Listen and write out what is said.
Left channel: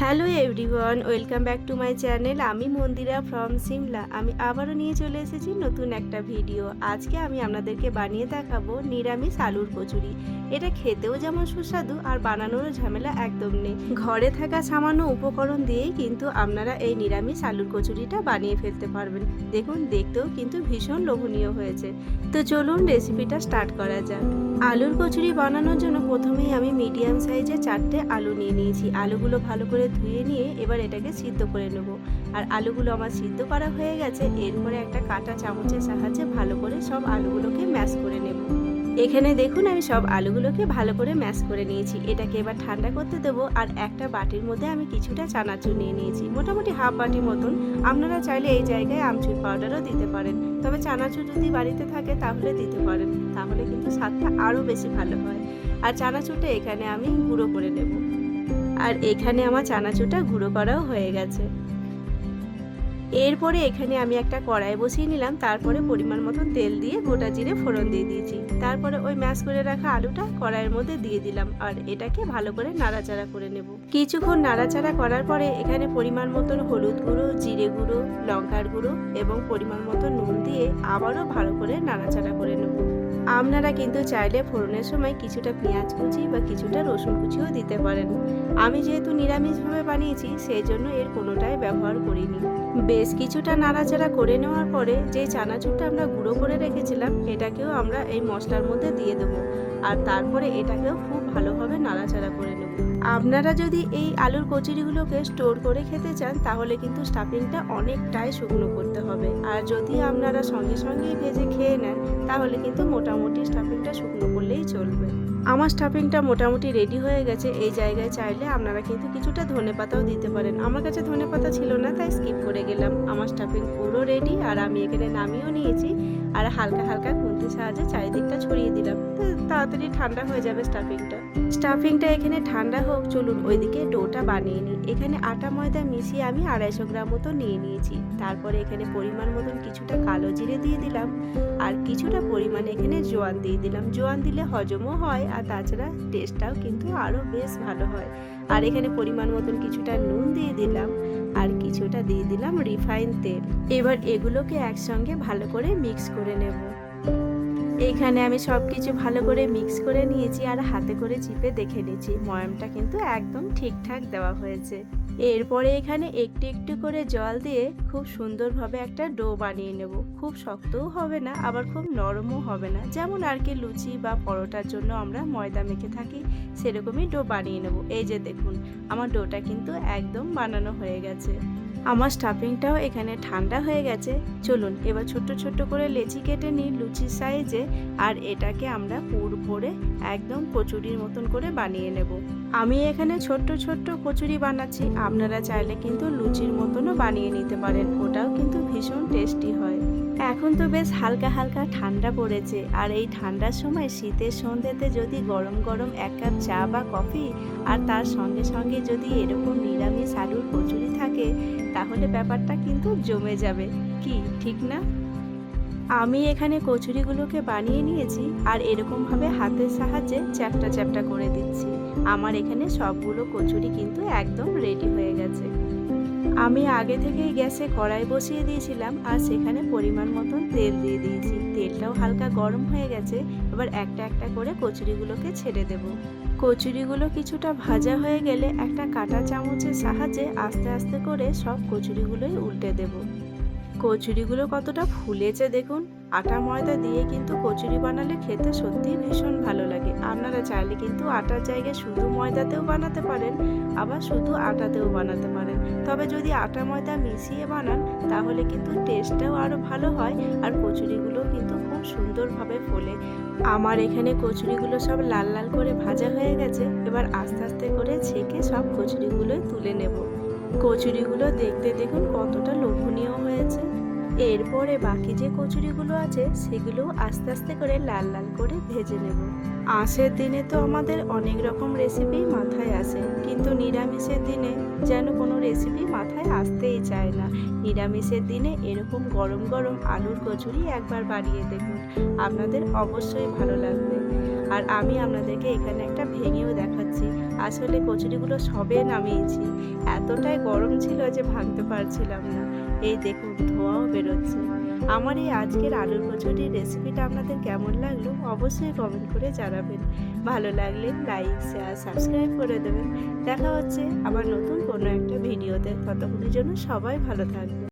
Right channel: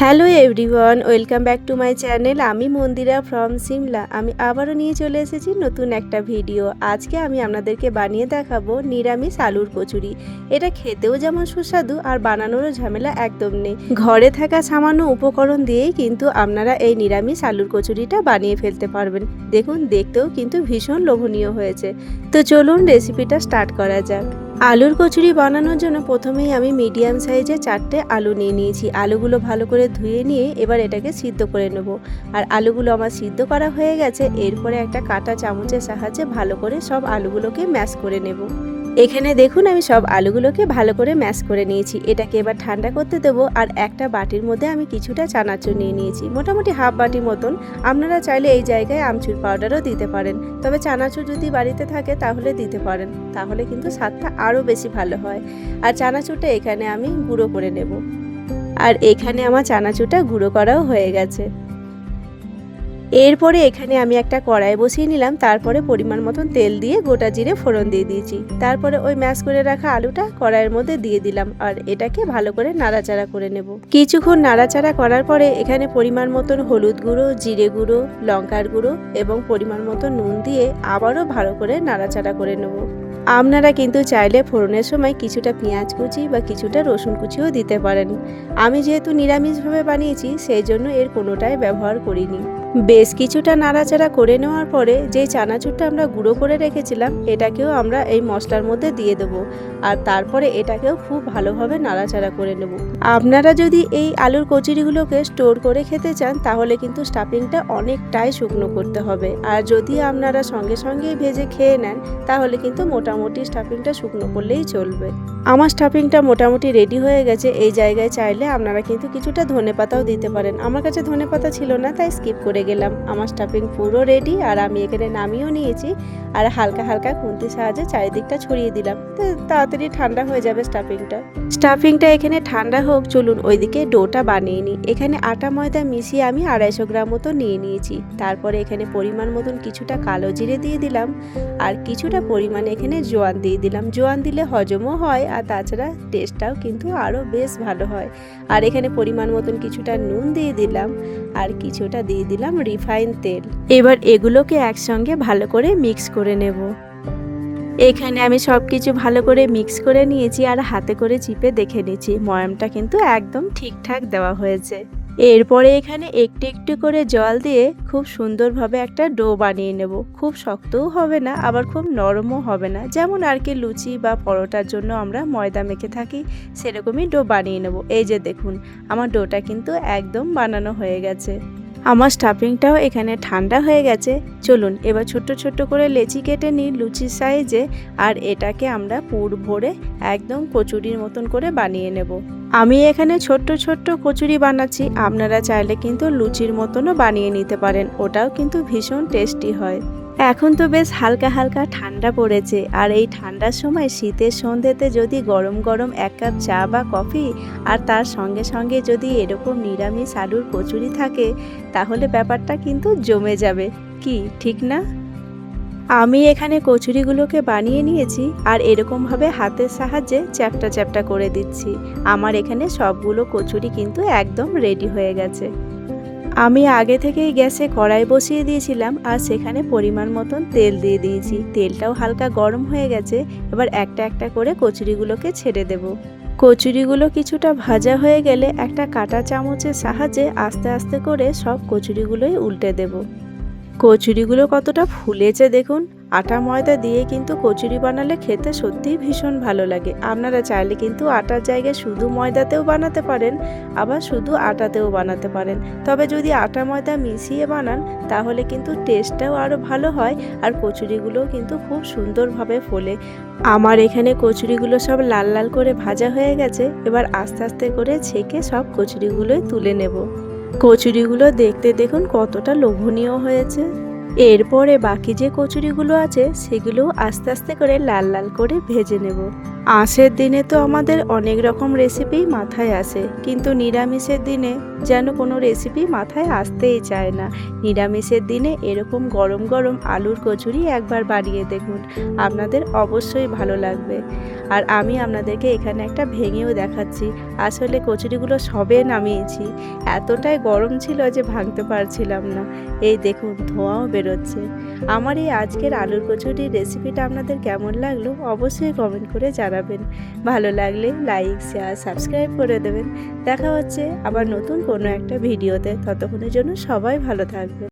Hello everyone, welcome back to my channel. আমি Mandira from Shimla. আমি আবারও নিয়ে চলে এসেছি নতুন একটা ভিডিও। আজকে আমি আপনাদেরকে বানিয়ে দেখাবো নিরামিষ আলুর কচুরি। এটা খেতেও যেমন সুস্বাদু আর বানানোরও ঝামেলা একদম নেই। ঘরে থাকা সামান্য উপকরণ দিয়েই কিন্তু আপনারা এই নিরামিষ আলুর কচুরিটা বানিয়ে ফেলতে পারবেন। দেখুন, দেখতেও কিন্তু ভীষণ লোভনীয় হয়েছে। তো চলুন রেসিপিটা স্টার্ট করা যাক। আলুর কচুরি বানানোর জন্য প্রথমেই আমি মিডিয়াম সাইজে চারটে আলু নিয়ে নিয়েছি। আলুগুলো ভালো করে ধুয়ে নিয়ে এবার এটাকে সিদ্ধ করে নেব। আর আলুগুলো আমার সিদ্ধ করা হয়ে গেছে, এরপরে একটা কাটা চামচের সাহায্যে ভালো করে সব আলুগুলোকে ম্যাশ করে নেব। এখানে দেখুন আমি সব আলুগুলোকে ভালো করে ম্যাশ করে নিয়েছি। এটাকে এবার ঠান্ডা করতে দেবো আর একটা বাটির মধ্যে আমি কিছুটা চানাচুর নিয়ে নিয়েছি। মোটামুটি হাফ বাটি মতন। আপনারা চাইলে এই জায়গায় আমচুর পাউডারও দিতে পারেন। তবে চানাচুর যদি বাড়িতে থাকে তাহলে দিতে পারেন। তাহলে কিন্তু স্বাদটা আরও বেশি ভালো হয়। আর চানাচুরটা এখানে আমি গুঁড়ো করে নেব। আর এখানে আমার চানাচুরটা গুঁড়ো করাও হয়ে গেছে। এরপরে এখানে আমি একটা কড়াই বসিয়ে নিলাম, তারপরে পরিমাণ মতন তেল দিয়ে গোটা জিরে ফোড়ন দিয়ে দিয়েছি। তারপরে ওই ম্যাশ করে রাখা আলুটা কড়াইয়ের মধ্যে দিয়ে দিলাম আর এটাকে ভালো করে নাড়াচাড়া করে নেব। কিছুক্ষণ নাড়াচাড়া করার পরে এখানে পরিমাণ মতন হলুদ গুঁড়ো, জিরে গুঁড়ো, লঙ্কার গুঁড়ো এবং পরিমাণ মতো নুন দিয়ে আবারও ভালো করে নাড়াচাড়া করে নেব। আপনারা কিন্তু চাইলে ফোড়নের সময় কিছুটা পেঁয়াজ কুচি বা কিছুটা রসুন কুচিও দিতে পারেন। আমি যেহেতু নিরামিষভাবে বানিয়েছি, সেই জন্য এর কোনোটাই ব্যবহার করিনি। বেশ কিছুটা নাড়াচাড়া করে নেওয়ার পরে যে চানাচুরটা আমরা গুঁড়ো করে রেখেছিলাম, এটাকেও আমরা এই মশলার মধ্যে দিয়ে দেবো। আর তারপরে এটাকেও খুব ভালোভাবে নাড়াচাড়া করে নেব। আপনারা যদি এই আলুর কচুরিগুলোকে স্টোর করে খেতে চান, তাহলে কিন্তু স্টাফিংটা অনেকটাই শুকনো করতে হবে। আর যদি আপনারা সঙ্গে সঙ্গেই ভেজে খেয়ে নেন, তাহলে কিন্তু মোটামুটি স্টাফিংটা শুকনো করলেই চলবে। আমার স্টাফিংটা মোটামুটি রেডি হয়ে গেছে। এই জায়গায় চাইলে আপনারা কিন্তু কিছুটা ধনে পাতাও দিতে পারেন। আমার কাছে ধনে পাতা ছিল না, তাই স্কিপ করে গেলাম। আমার স্টাফিং পুরো রেডি আর আমি এখানে নামিয়েও নিয়েছি আর হালকা হালকা খুন্তির সাহায্যে চারিদিকটা ছড়িয়ে দিলাম। তো তাড়াতাড়ি ঠান্ডা হয়ে যাবে স্টাফিংটা স্টাফিংটা এখানে ঠান্ডা হোক, চলুন ওইদিকে ডোটা বানিয়ে নিই। এখানে আটা ময়দা মিশিয়ে আমি আড়াইশো গ্রাম মতো নিয়ে নিয়েছি। তারপরে এখানে পরিমাণ মতন কিছুটা কালো জিরে দিয়ে দিলাম আর কিছুটা পরিমাণে এখানে জোয়ান দিয়ে দিলাম। জোয়ান দিলে হজমও হয় আর তাছাড়া টেস্টটাও কিন্তু আরও বেশ ভালো হয়। আর এখানে পরিমাণ মতন কিছুটা নুন দিয়ে দিলাম। আর কিছুটা দিয়ে দিলাম রিফাইন তেল। এবার এগুলোকে একসঙ্গে ভালো করে মিক্স করে নেব। এখানে আমি সব কিছু ভালো করে মিক্স করে নিয়েছি আর হাতে করে চিপে দেখে নিয়েছি ময়ামটা কিন্তু একদম ঠিকঠাক দেওয়া হয়েছে। এরপরে এখানে একটু একটু করে জল দিয়ে খুব সুন্দরভাবে একটা ডো বানিয়ে নেব। খুব শক্তও হবে না, আবার খুব নরমও হবে না। যেমন আর কি লুচি বা পরোটার জন্য আমরা ময়দা মেখে থাকি, সেরকমই ডো বানিয়ে নেব। এই যে দেখুন, আমার ডোটা কিন্তু একদম বানানো হয়ে গেছে। আমার স্টাফিংটাও এখানে ঠান্ডা হয়ে গেছে। চলুন, এবার ছোট্ট ছোট্ট করে লেচি কেটে নিই লুচি সাইজে, আর এটাকে আমরা পুর ভরে একদম কচুরির মতন করে বানিয়ে নেব। আমি এখানে ছোট্ট ছোট্ট কচুরি বানাচ্ছি। আপনারা চাইলে কিন্তু লুচির মতনও বানিয়ে নিতে পারেন। ওটাও কিন্তু ভীষণ টেস্টি হয়। এখন তো বেশ হালকা হালকা ঠান্ডা পড়েছে। আর এই ঠান্ডার সময় শীতের সন্ধ্যেতে যদি গরম গরম এক কাপ চা বা কফি আর তার সঙ্গে সঙ্গে যদি এরকম নিরামিষ আলুর কচুরি থাকে, তাহলে ব্যাপারটা কিন্তু জমে যাবে। কি, ঠিক না? আমি এখানে কচুরিগুলোকে বানিয়ে নিয়েছি আর এরকমভাবে হাতের সাহায্যে চ্যাপটা চ্যাপটা করে দিচ্ছি। আমার এখানে সবগুলো কচুরি কিন্তু একদম রেডি হয়ে গেছে। আমি আগে থেকেই গ্যাসে কড়াই বসিয়ে দিয়েছিলাম আর সেখানে পরিমাণ মতন তেল দিয়ে দিয়েছি। তেলটাও হালকা গরম হয়ে গেছে, এবার একটা একটা করে কচুরিগুলোকে ছেড়ে দেব। কচুরিগুলো কিছুটা ভাজা হয়ে গেলে একটা কাঁটা চামচের সাহায্যে আস্তে আস্তে করে সব কচুরিগুলোই উল্টে দেব। কচুরিগুলো কতটা ফুলেছে দেখুন। আটা ময়দা দিয়ে কিন্তু কচুরি বানালে খেতে সত্যিই ভীষণ ভালো লাগে। আপনারা চাইলে কিন্তু আটার জায়গায় শুধু ময়দাতেও বানাতে পারেন, আবার শুধু আটাতেও বানাতে পারেন। তবে যদি আটা ময়দা মিশিয়ে বানান, তাহলে কিন্তু টেস্টটাও আরও ভালো হয় আর কচুরিগুলোও কিন্তু খুব সুন্দরভাবে ফোলে। আমার এখানে কচুরিগুলো সব লাল লাল করে ভাজা হয়ে গেছে, এবার আস্তে আস্তে করে ছেঁকে সব কচুরিগুলোই তুলে নেব। কচুরিগুলো দেখতে দেখুন কতটা লোভনীয় হয়েছে। এরপরে বাকি যে কচুরিগুলো আছে, সেগুলো আস্তে আস্তে করে লাল লাল করে ভেজে নেব। আঁশের দিনে তো আমাদের অনেক রকম রেসিপি মাথায় আসে, কিন্তু নিরামিষের দিনে যেন কোনো রেসিপি মাথায় আসতেই চায় না। নিরামিষের দিনে এরকম গরম গরম আলুর কচুরি একবার বাড়িয়ে দেখুন, আপনাদের অবশ্যই ভালো লাগবে। আর আমি আপনাদেরকে এখানে একটা ভেঙেও দেখাচ্ছি, আসলে কচুরিগুলো সবে নামিয়েছি। এতটাই গরম ছিল যে ভাঙতে পারছিলাম না। এই দেখুন, ধোঁয়াও বেরোচ্ছে। আমার এই আজকের আলুর কচুরির রেসিপিটা আপনাদের কেমন লাগল অবশ্যই কমেন্ট করে জানাবেন ভালো লাগলে লাইক শেয়ার সাবস্ক্রাইব করে দেবেন। দেখা হচ্ছে আবার নতুন কোনো একটা ভিডিওতে ততক্ষণের জন্য সবাই ভালো থাকবে